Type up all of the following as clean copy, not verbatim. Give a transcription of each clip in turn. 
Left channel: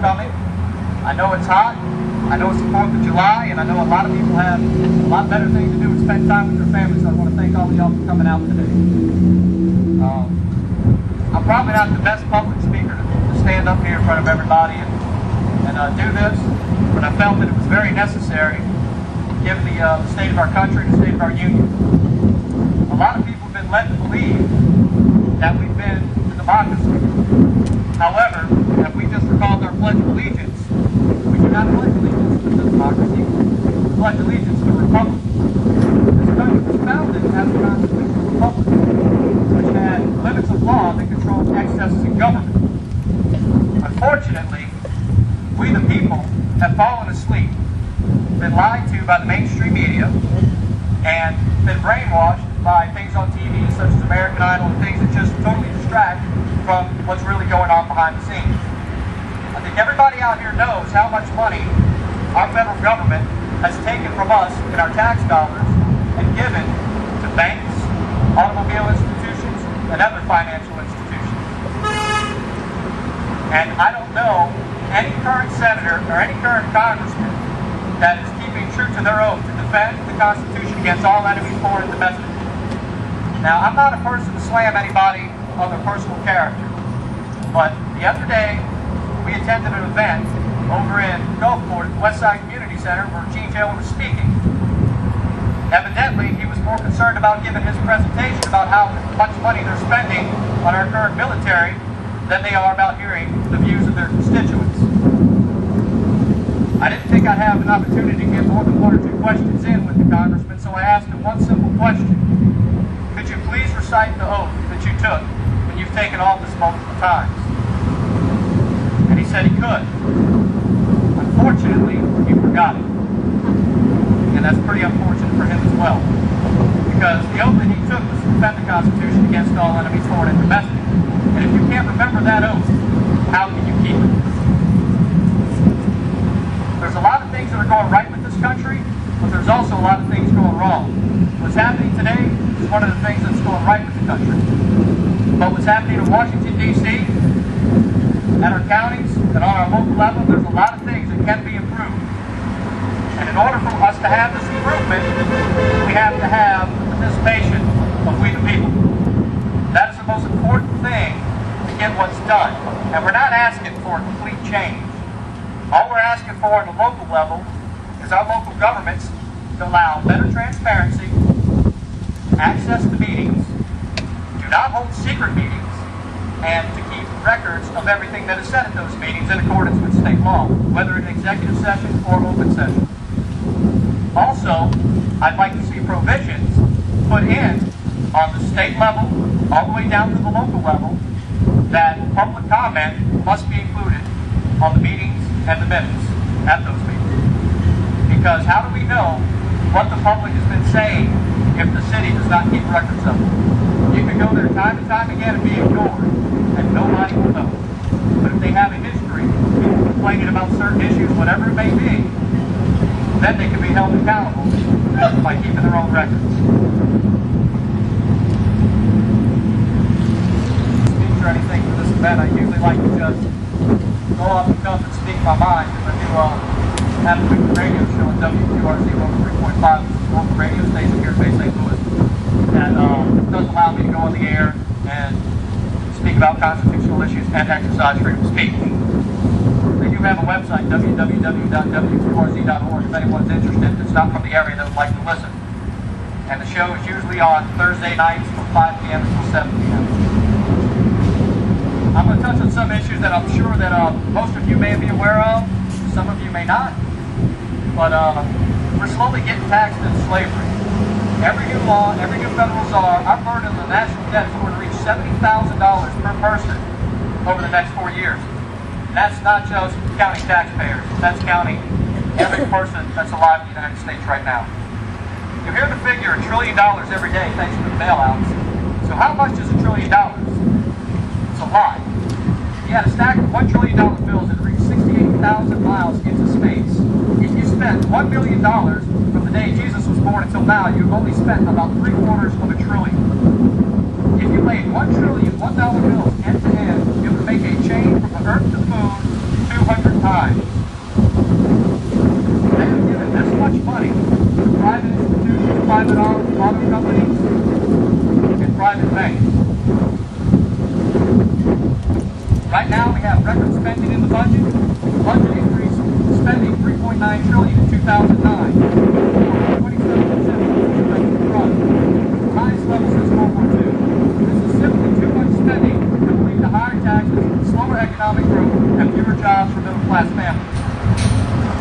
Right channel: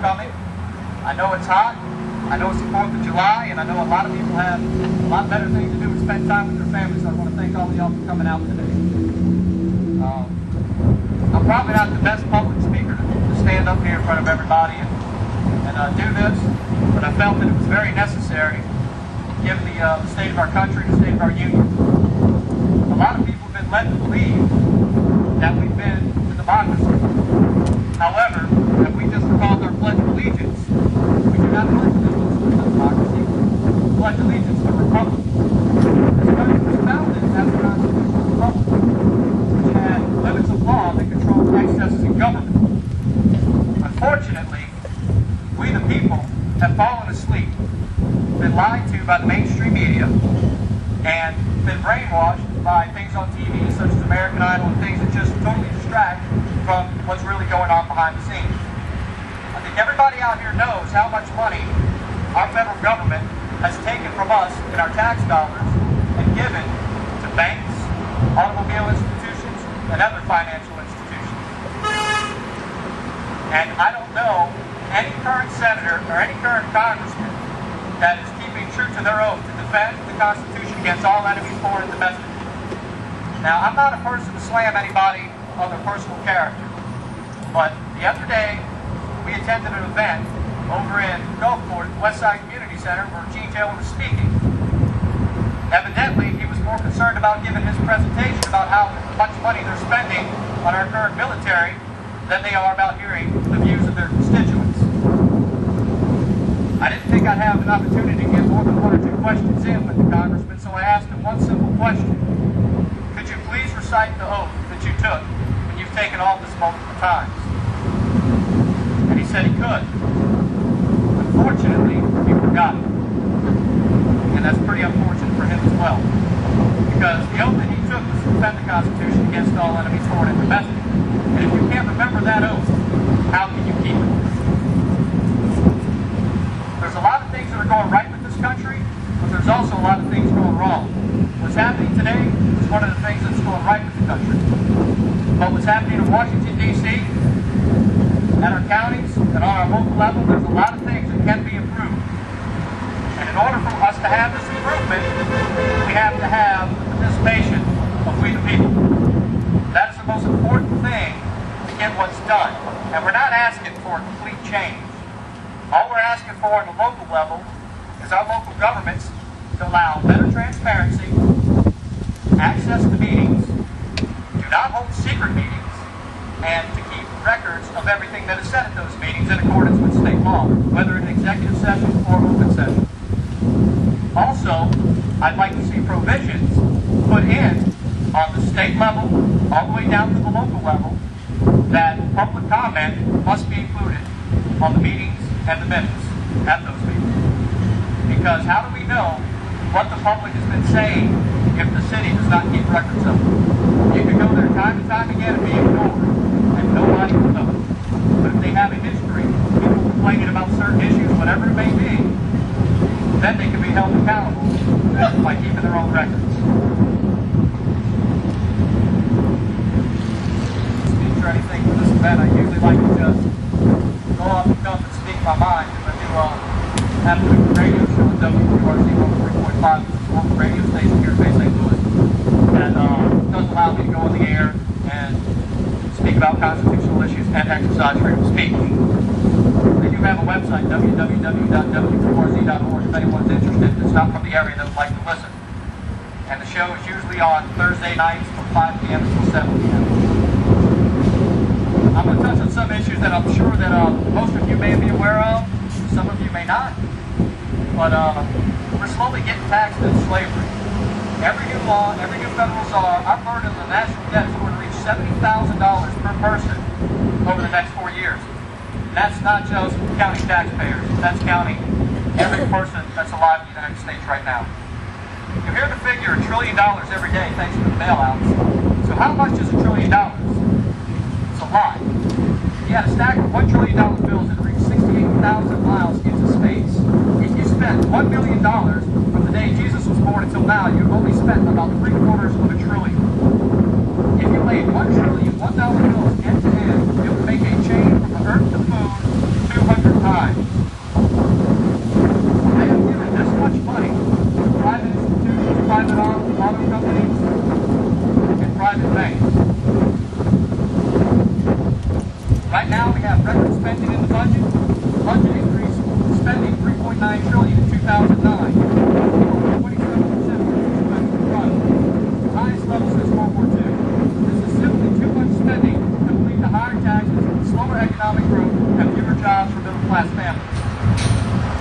coming. I know it's hot. I know it's the 4th of July, and I know a lot of people have a lot better things to do and spend time with their families. So I want to thank all of y'all for coming out today. I'm probably not the best public speaker to stand up here in front of everybody and do this, but I felt that it was very necessary given the state of our country, the state of our union. A lot of people have been led to believe that we've been to democracy. However, if we just recalled our Pledge of Allegiance, we do not pledge allegiance to democracy. We pledge allegiance to a republic. This country was founded as a constitutional republic, which had limits of law that controlled excesses in government. Unfortunately, we the people have fallen asleep, been lied to by the mainstream media, and been brainwashed by things on TV such as American Idol and things that just totally distract from what's really going on behind the scenes. I think everybody out here knows how much money our federal government has taken from us in our tax dollars and given to banks, automobile institutions, and other financial institutions. And I don't know any current senator or any current congressman that is keeping true to their oath to defend the Constitution against all enemies, foreign and domestic. Now, I'm not a person to slam anybody on their personal character, but the other day we attended an event over in Gulfport at the Westside Community Center where Gene Taylor was speaking. Evidently, he was more concerned about giving his presentation about how much money they're spending on our current military than they are about hearing the views of their constituents. I didn't think I'd have an opportunity to get more than one or two questions in with the congressman, so I asked him one simple question. Could you please recite the oath that you took when you've taken office multiple times? And he said he could. Unfortunately, he forgot it. And that's pretty unfortunate for him as well. Because the oath that he took was to defend the Constitution against all enemies, foreign and domestic. And if you can't remember that oath, how can you keep it? There's a lot of things that are going right with this country, but there's also a lot of things going wrong. What's happening today is one of the things that's going right with the country. But what's happening in Washington, D.C., at our counties, and on our local level, there's a lot of things that can be improved. And in order for us to have this improvement, we have to have the participation of we the people. That is the most important thing to get what's done. And we're not asking for a complete change. All we're asking for on the local level is our local governments to allow better transparency, access to meetings, do not hold secret meetings, and to keep records of everything that is said at those meetings in accordance with state law, whether in executive session or open session. Also, I'd like to see provisions put in on the state level, all the way down to the local level, that public comment must be included on the meetings and the minutes at those meetings. Because how do we know what the public has been saying if the city does not keep records of it? You can go there time and time again and be ignored, and nobody will know. But if they have a history, people complaining about certain issues, whatever it may be, then they can be held accountable by keeping their own records. Speech or anything for this event, I usually like to just go off the cuff and speak my mind. If I do have a weekly radio show at WQRZ 103.5, which is a local radio station here in Bay St. Louis, that does allow me to go on the air and speak about constitutional issues and exercise freedom of speech. They do have a website, www.wqrz.org, if anyone's interested that's not from the area that would like to listen. And the show is usually on Thursday nights from 5 p.m. until 7 p.m. I'm going to touch on some issues that I'm sure that most of you may be aware of, some of you may not, but we're slowly getting taxed into slavery. Every new law, every new federal czar, our burden of the national debt is going to reach $70,000 per person over the next 4 years. And that's not just counting taxpayers, that's counting every person that's alive in the United States right now. You hear the figure $1 trillion every day thanks to the bailouts. So how much is $1 trillion? It's a lot. You had a stack of $1 trillion bills that reached 68,000 miles into space. If you spent $1 million from the day Jesus was born until now, you've only spent about $750 billion. If you laid $1 trillion $1 bills end to end, it would make a chain from the earth to the moon 200 times. They have given this much money to private institutions, private auto companies, and private banks. Right now we have record spending in the budget. The budget increased spending $3.9 trillion in 2009, or 27% of the domestic product, the highest level since World War II. This is simply too much spending that will lead to higher taxes, slower economic growth, and fewer jobs for middle-class families.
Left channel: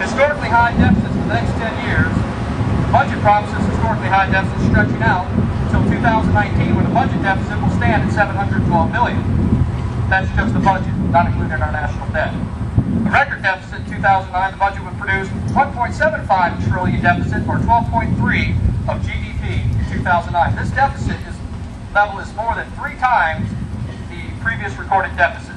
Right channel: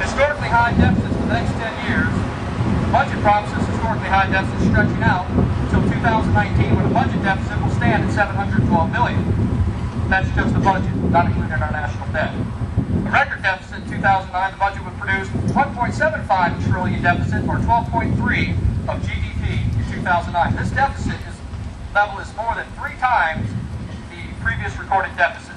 Historically high deficits for the next 10 years. The budget promises historically high deficits stretching out until 2019, when the budget deficit will stand at $712 billion. That's just the budget, not including our national debt. A record deficit in 2009, the budget would produce $1.75 trillion deficit, or 12.3% of GDP in 2009. This deficit level is more than 3 times the previous recorded deficit.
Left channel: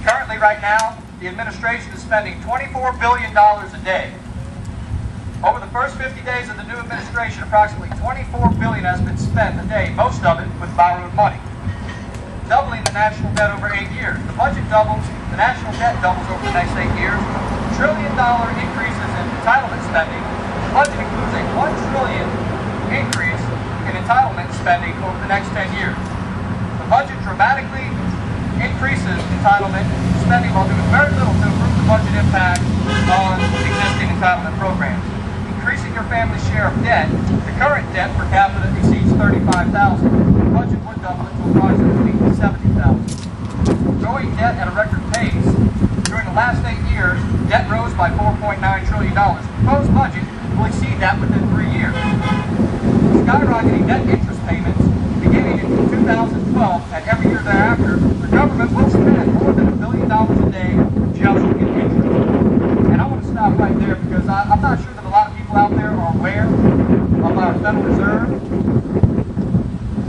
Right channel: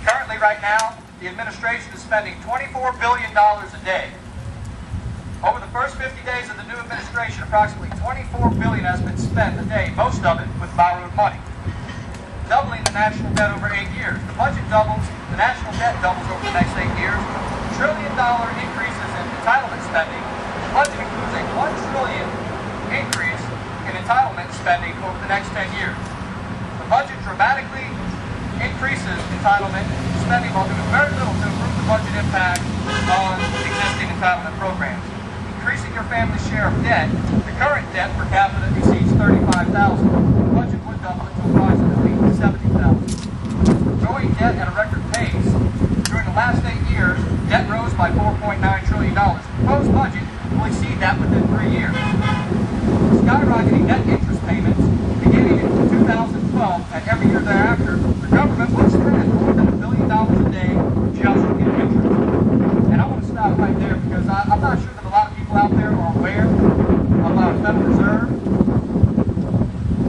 Currently, right now, the administration is spending $24 billion a day. Over the first 50 days of the new administration, approximately $24 billion has been spent a day, most of it with borrowed money, doubling the national debt over 8 years. The budget doubles, the national debt doubles over the next 8 years. $1 trillion increases in entitlement spending. The budget includes a $1 trillion increase in entitlement spending over the next 10 years. The budget dramatically increases entitlement spending while doing very little to improve the budget impact on existing entitlement programs. Increasing your family's share of debt, the current debt per capita exceeds $35,000. The budget would double it to approximately $70,000. Growing debt at a record pace. During the last 8 years, debt rose by $4.9 trillion. The proposed budget will exceed that within 3 years. Skyrocketing debt interest payments beginning in 2012 and every year thereafter, the government will spend more than $1 billion a day just in interest. And I want to stop right there because I'm not sure that a lot of people out there are aware of our Federal Reserve.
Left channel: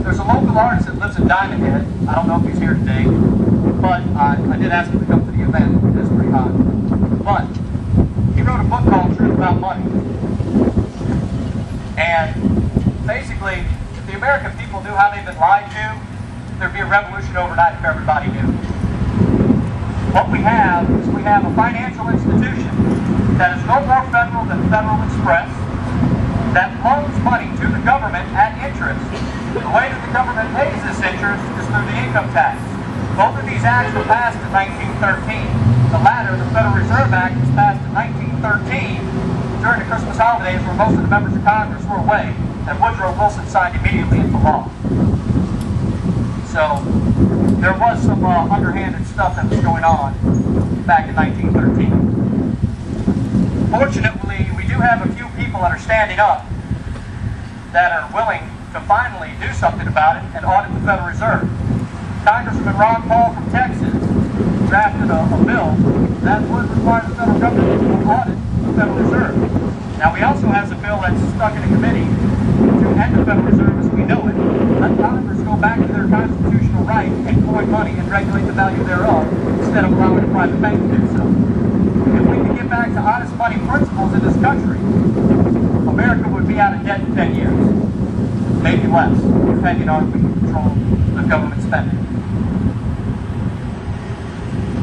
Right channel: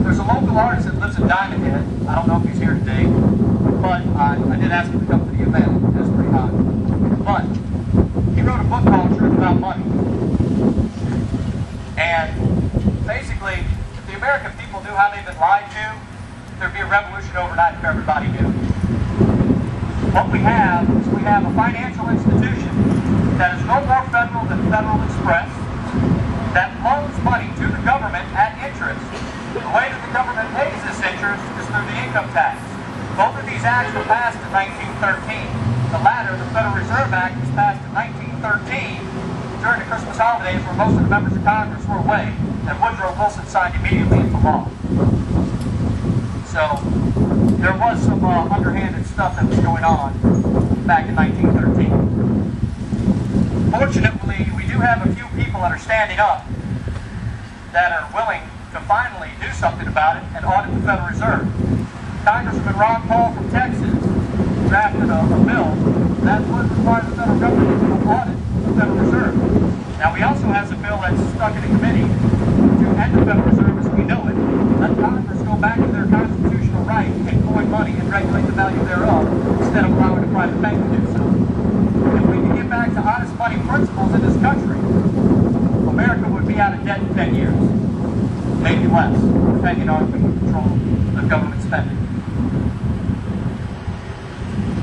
There's a local artist that lives in Diamond Head. I don't know if he's here today, but I did ask him to come to the event. It is pretty hot. But he wrote a book called Truth About Money. And basically, if the American people knew how they've been lied to, there'd be a revolution overnight if everybody knew. What we have is we have a financial institution that is no more federal than Federal Express, that loans money to the government at interest. The way that the government pays this interest is through the income tax. Both of these acts were passed in 1913. The latter, the Federal Reserve Act, was passed in 1913 during the Christmas holidays where most of the members of Congress were away, and Woodrow Wilson signed immediately into law. So there was some underhanded stuff that was going on back in 1913. Fortunately, we do have a few people that are standing up that are willing to finally do something about it and audit the Federal Reserve. Congressman Ron Paul from Texas drafted a bill that would require the federal government to audit the Federal Reserve. Now, we also have a bill that's stuck in a committee to end the Federal Reserve as we know it. Let Congress go back to their constitutional right and coin money and regulate the value thereof instead of allowing a private bank to do so. If we could get back to honest money principles in this country, America would be out of debt in 10 years. Maybe less, depending on if we can control the government spending.